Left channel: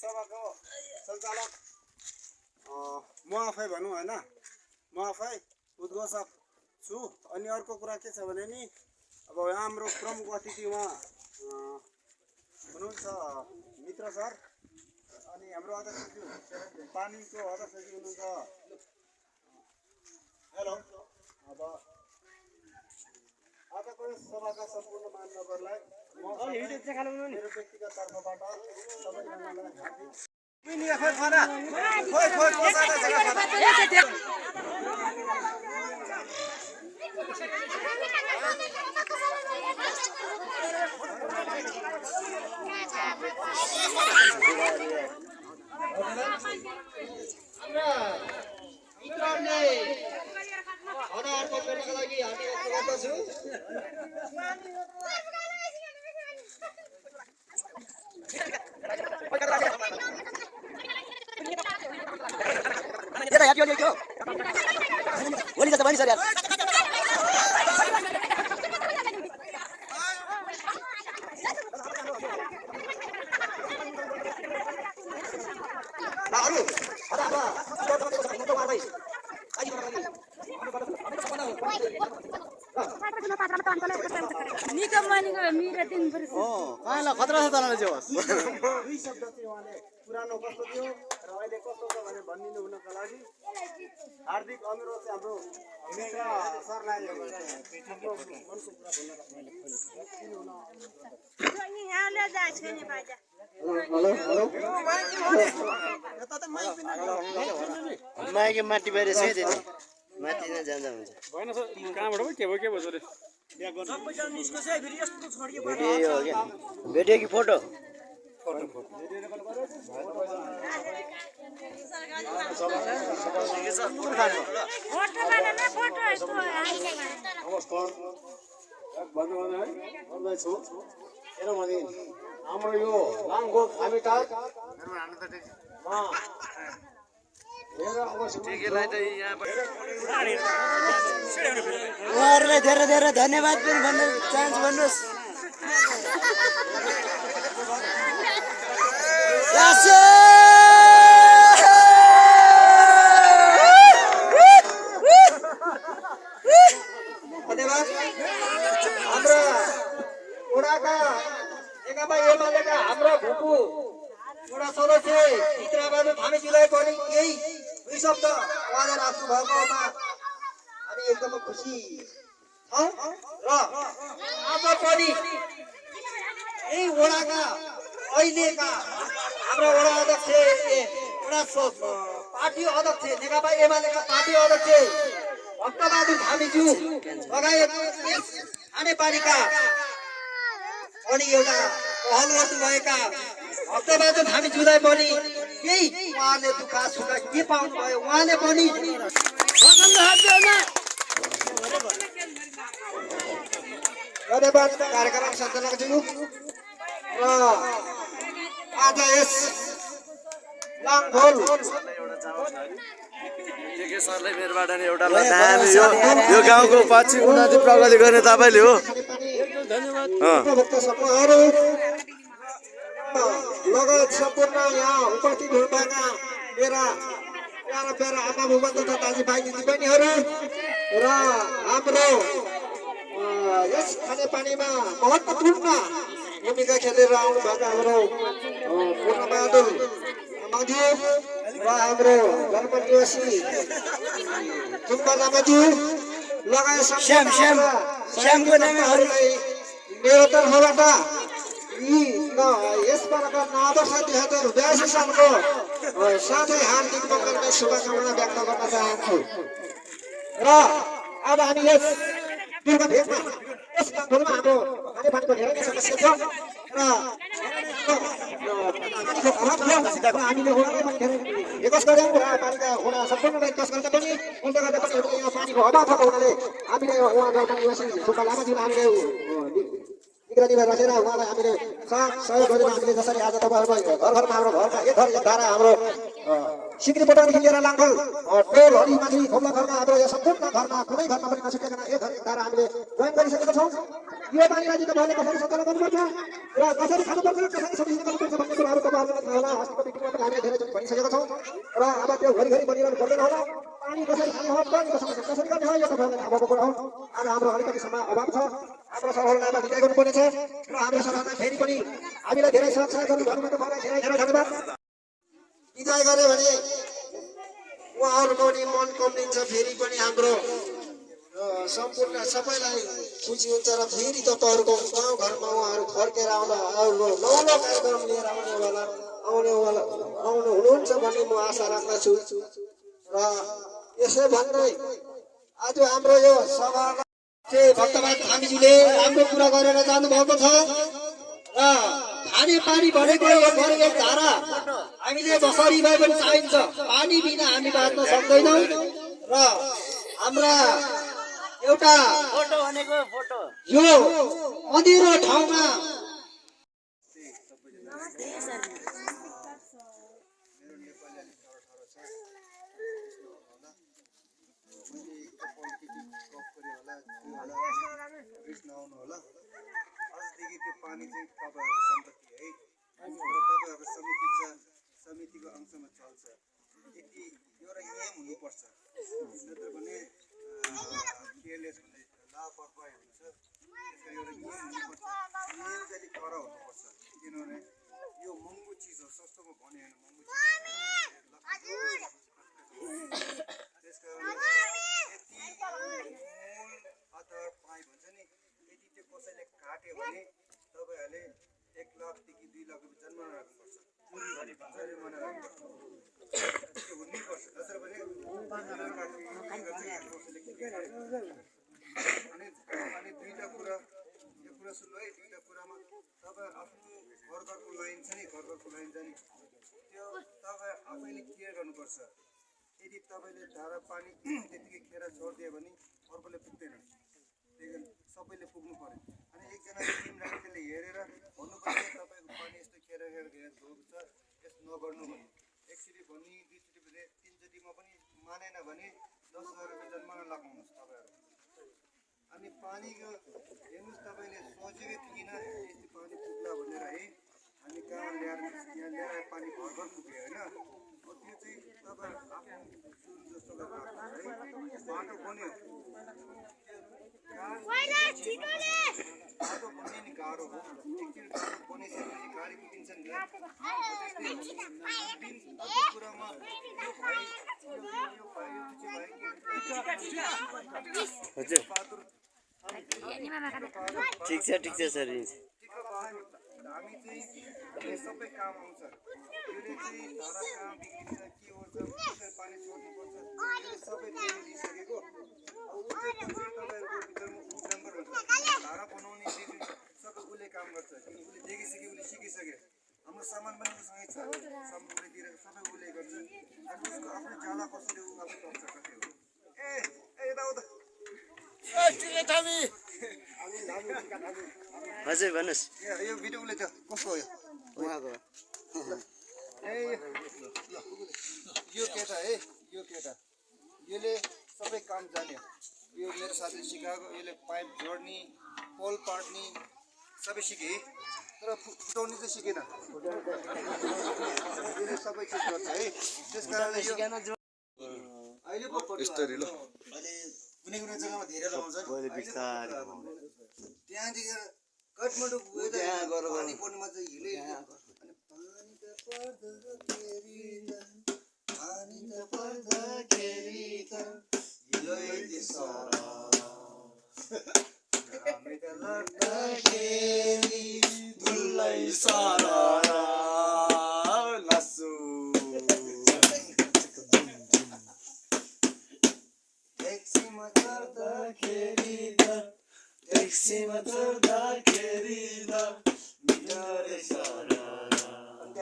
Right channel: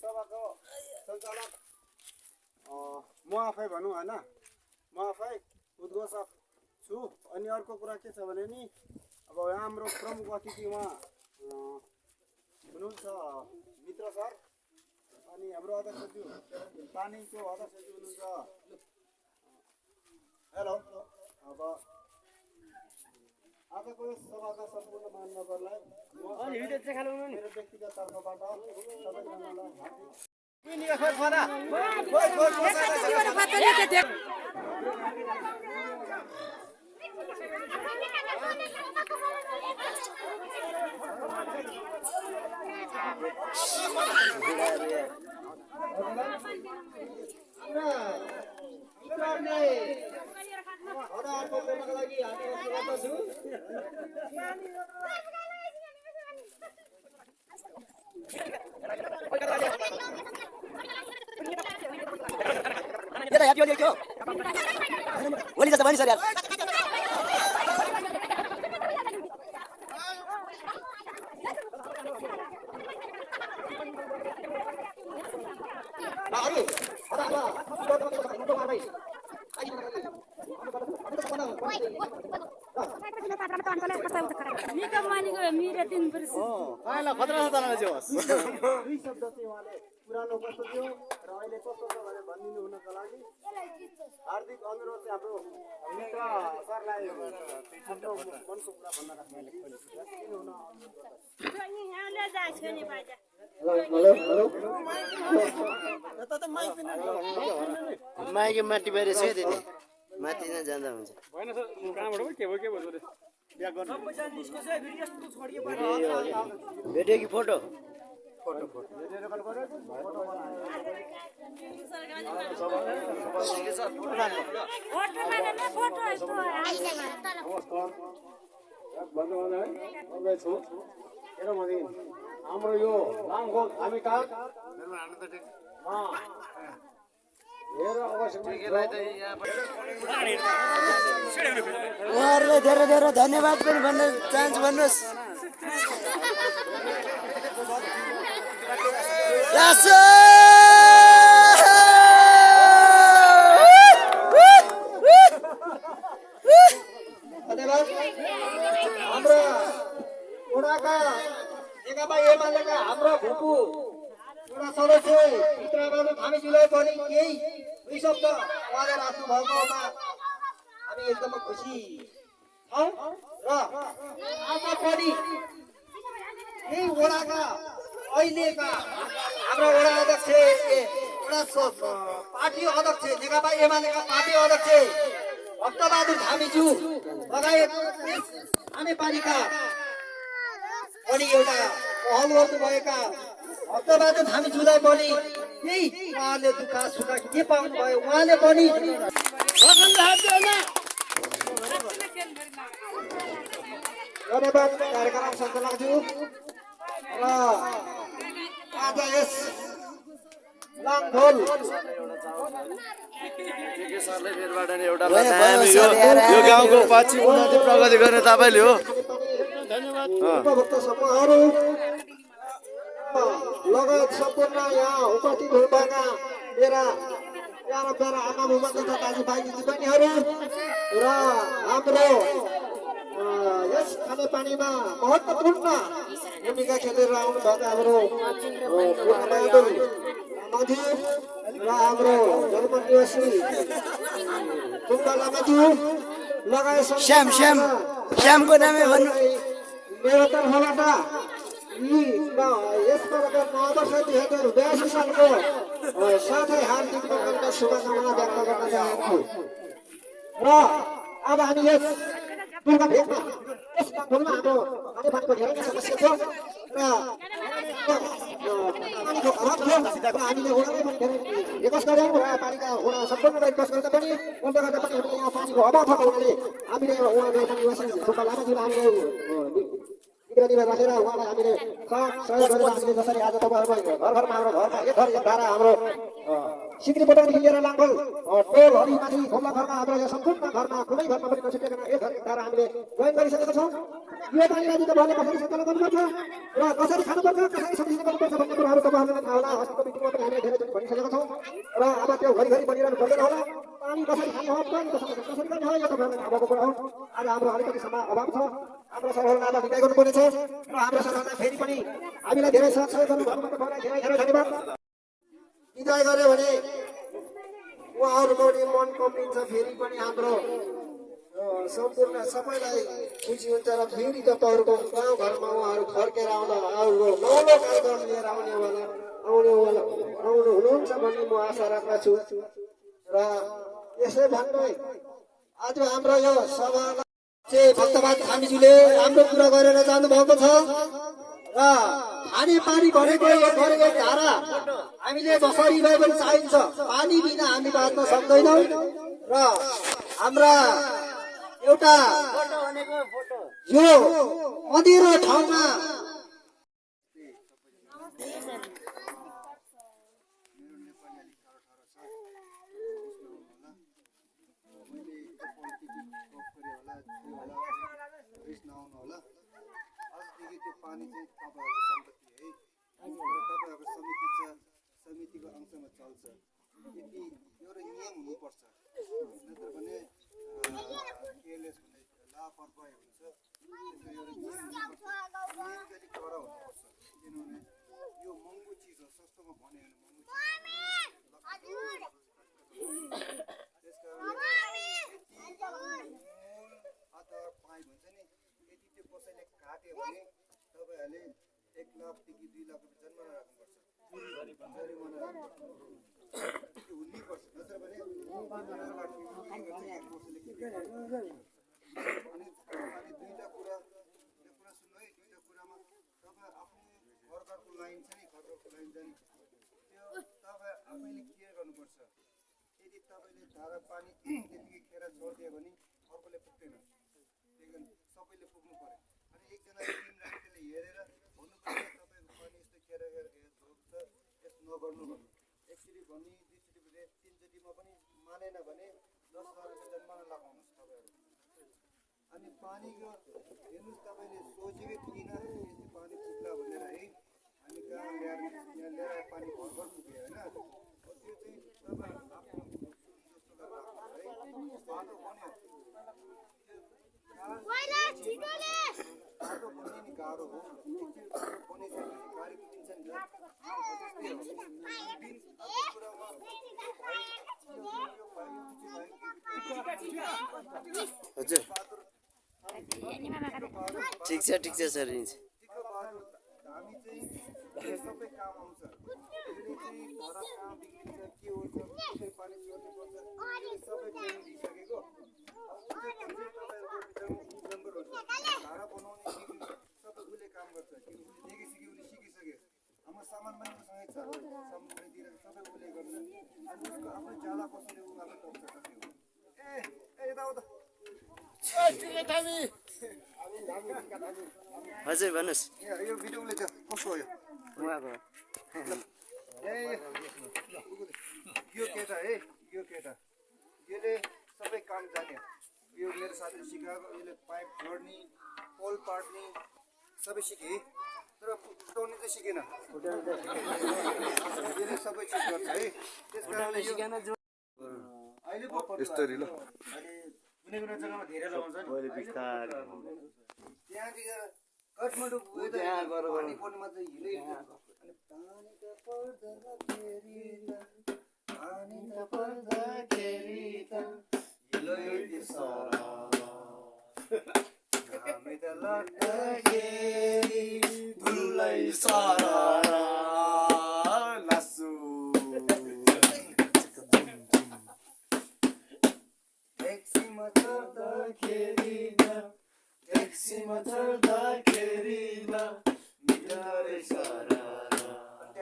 सभाको सञ्चालक म आफै भनौँ होइन, म आफै उद्घोषक छु। अनि अर्को कुरा के छ भने नि, अब हाम्रो प्रमुख अतिथि उहाँ हुनुहुन्छ मित्र सर, अनि हाम्रो अध्यक्षज्यू पानीको अध्यक्षज्यू हुनुहुन्छ। हेलो, अब आजको यस सभाका सम्पूर्ण महानुभावहरूलाई मेरो व्यक्तिगत तर्फबाट सबैजनालाई दुई शब्द चाहिँ उहाँले पुरानो कस्तो थियो र अहिले कस्तो छ भनेर भनिदिनु हुनको लागि हार्दिक अनुरोध चाहिँ हाम्रो मित्र सरलाई माइक माथि बाहिर छ त्यति माथि नै जाँदा हुन्छ। भिडियो कि फोटो? हाम्रो यो लामखोल हामीटार उहाँहरूलाई धेरै धेरै धन्यवाद पनि भन्न चाहन्छु। भन्नुहोस् धन्यवाद। हाम्रो उडाका नेकपा एमालेका हाम्रो भुपु उडा सदस्य मित्रबहादुर थामीजीलाई पनि केही दुई शब्द उहाँले राख्नु भएकोमा हामी एकदमै खुसी छौँ। र आज पनि यही वडाका अहिलेका हाम्रो वडा अध्यक्ष वडा पार्टी अध्यक्ष नेकपा एमालेका पार्टी अध्यक्ष भक्तबहादुर थामीज्यू लगायत खानेपानीका अनि एउटा पहल गर्नुभएका भक्तबहादुर थामीज्यूलाई पनि केही उहाँले दुःख सुख के पाउनु भयो उहाँले पनि धन्यवाद कार्यक्रम सञ्चालकज्यू। र आज यस लामखोल सरले मेरोबाट नि एउटा यो गाउँको पछि उन्नति प्रगति गर्ने तपाईँले हो। उपभोक्ता समूहहरू लगायत सम्पूर्ण यहाँ उपस्थित हुनुभएका मेरा प्यारा प्यारा आमा बुबा तथा दाजुभाइ दिदीबहिनीहरू र हाम्रो यस खानेपानीमा महत्त्वपूर्ण भूमिका खेलेर आउनुभएका हाम्रो पूर्णबहादुर लामाज्यू र हाम्रो धर्मनिवासी जुम्बा लामाज्यू लगायत श्यामको नामै मेरो तर्फबाट यस कार्यक्रम आदर्श 2082 सालको साथै हार्दिक मङ्गलका शुभकामना व्यक्त गर्न चाहन्छु। र अब हामी यस दुर्गा भेगमा यस गाउँमा हाम्रो खानेपानीको धेरै नै समस्या छ र पानीको अभाव थियो र हामीले उहाँलाई पनि धेरै रिक्वेस्ट गऱ्यौँ र पानीका उहाँ सम्पूर्णलाई रिक्वेस्ट गर्दा पनि उनले गर्दा पनि यहाँ पानीको अभाव भएको हुनाले हामीले उहाँ धर्मनिवासी सुब्बा लामाज्यूलाई हामीले निगरानीमा राखेर उहाँलाई हामीले सहयोग गरेर हामीले जसरी आज तपाईँहरूको घर घरमा हाम्रो घरमा एक घर एक धारा हाम्रो सिक्री बोटनदेखि लिएर लामखोल टोल हरिमाथि थोप्ला घरमा हाम्रो यहाँ सम्पूर्ण घरमा कुनै घरमा पनि नसकेका एक घर एक धारा हामीले जोइन गरिसकेका छौँ। यो पानीलाई चाहिँ तपाईँहरूले कसरी सञ्चालन गर्नुपर्छ र कसरी खानुपर्छ कसरी सजिलो गर्नुपर्छ भन्ने कुराहरू तपाईँहरूलाई थाहा होला। त्यो घरिघरि बनिरहनु पर्दैन होला पानी कसरी खाने हो पानी कसरी गर्ने हो यो तपाईँहरूलाई थाहा भएको कुरा हो आज हाम्रो अलिकति समय अभाव छ हाम्रो सरकारलाई विदाय गर्नुपर्नेछ र हाम्रो सरकारलाई फेरि पनि हामीलाई धेरै सहयोग गर्नुभएको मलाई धेरै धेरै धन्यवाद विदाय गर्यो भने उहाँहरूको पनि मन कम्लिन्छ फेरि पनि हाम्रो सम्पूर्ण सबैलाई खुसी हुन्छ र फेरि तपाईँहरूको गाउँघरमा उहाँहरू फर्केर आउनु नौलो कार्यक्रम लिएर आउनु हुनुहुन्छ भन्ने म आशा राख्दछु र यसो भन्दै आज हाम्रो यो सभा भक्तमान थामीज्यूले राम्रो कुरा गरेर जानुभएको छ र खाने पानी भनेको एक धारा हामीले जसरी भए पनि चाहिन्छ पानी बिना हामी बाँच्न सक्दैनौँ र हाम्रा एउटा यो अँधेरो ठाउँमा आजदेखि त्यो पानी चाहिँ तपाईँहरूको सम्पत्ति है र तपाईँहरूको समितिको अंशमा चल्छ यति एउटा नियम हुनुपर्छ नत्र भने केयरलेस भन्ने लापरवाही हुन्छ त्यसको एउटा नियम हुनुपर्छ नियम चाहिँ अलिक कडा हुनुपर्छ किनभने यो महँगो चिज हो सस्तोमा भने होइन महँगो चिज त्यस कारण यति मूल आधार पाइप हुन्छ नि यदि त्यो कसैले काट्यो भने तपाईँहरूले 1 लाखदेखि 2 लाख रुपियाँ जरिमाना राख्नुपर्छ जरिमाना राख्नुपर्छ त्यो हुनुपर्छ नत्र भने अनि दुईवटा कुरा यो कुरा सुन्नु है दुईवटा कुरामा तपाईँ आफ्नो घरको लाइन छ नि घरको लाइन जाने त्यो तपाईँ आफैले केयर गर्नुपर्छ यदि तपाईँले धारा पानी त्यतिकै खेर छोडिदियो भने अर्कोले पुग्दैन त्यही कारण सबैले पुग्नु पर्यो अनि एकजना टिम राखेर त्यसले हेरेर भन्नुपर्छ तपाईँको पानी यस्तो खेर धोएको छ यस्तो नगर्नु भन्नु एकचोटि भनी दुईचोटि भने तीनचोटिमा पनि मानेन भने 10,000 रुपियाँ जरिमाना लगाउनुहोस् तपाईँहरू अनि पानीको हेर्नुहोस् तपाईँले सोचेकै थिएन यस्तो पानी पुग्ला भनेर है हामी कहाँ ल्याएर यहाँ ल्याएर पानी घर पुग्यो होइन त्यो चाहिँ तपाईँ आफ्नो जुन जस्तो बाटो बन्यो बाटो बन्ने नि गाह्रो हो एकचोटि बाटो बनिसकेपछि गाडी कुदिन्छ नि त्यस्तै कुरामा ठिक छ सर हामी चाहिँ सबै काम आउँछ यसले चाहिँ धारा कहाँ बिग्रिन्छ के हुन्छ कसरी पानी छोड्नुपर्छ सबै ट्रेनिङ दिइसकेको धारा बनाउने सबै उसले काम गर्छ किन उसले देखिसक्यो उसले सिकिसक्यो हाम्रो सामान पनि उसँगै छ समुद्रतिर सबै उसले गर्छ अनि उसको आफ्नो जाला कसरी ऊ आफै टक्छ कसरी यताउता हजुर भन्नुहोस् यो भिडियो उसले त कस्तो हो उहाँको यो केटा है यो केटा यसले सबै काम जान्यो यो मेरो साथीले सिकाएको यसले पाइप जोड्ने पोल पार्ने सबै सिकेँ तर फुटाउनु चाहिँ सिकेन यसले सबै चिज गर्छ है त्यस कारणले यो अहिले यस्तरी ल कुनै कुनै जग्गामा धेरै लगाउँछ नि त्यहाँदेखि काठमाडौँ पानी पर्नुमा चाहिँ हिलै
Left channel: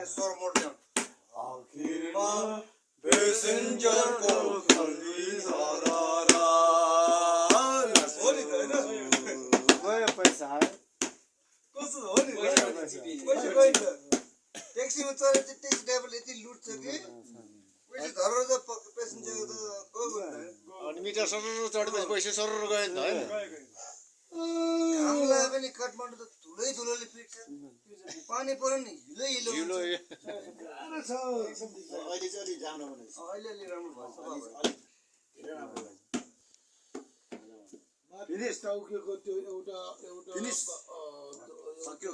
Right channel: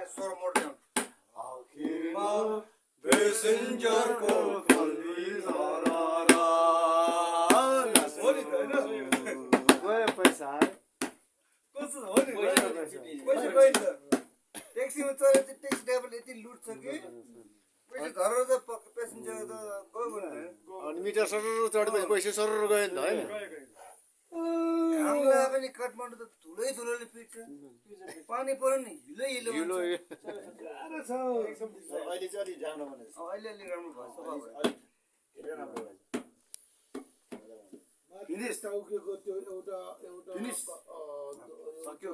स्वर मोड्ने पेसेन्जरको खोली धरारा हो नि त हैन गयो पैसा कस्तो हो नि पैसा गयो नि त ट्याक्सीमा चढेर चाहिँ ट्याक्सी ड्राइभरले यति लुट्छ कि पैसा धरेर त पेसेन्जर त गयो नि त अनि मिटर सरर चढेपछि पैसा सरर गयो नि त हैन हामीलाई पनि काठमाडौँ त पुरै धुलोले पिट्छ पानी पऱ्यो नि हिलो हिलो हुन्छ। गाह्रो छ एकदम अहिले चाहिँ अलिक राम्रो बनेको छ। अहिले अलि राम्रो भयो सफा भयो। धेरै राम्रो भएछ। फेरि यस्तो उकेको त्यो एउटा फिनिस। सक्यो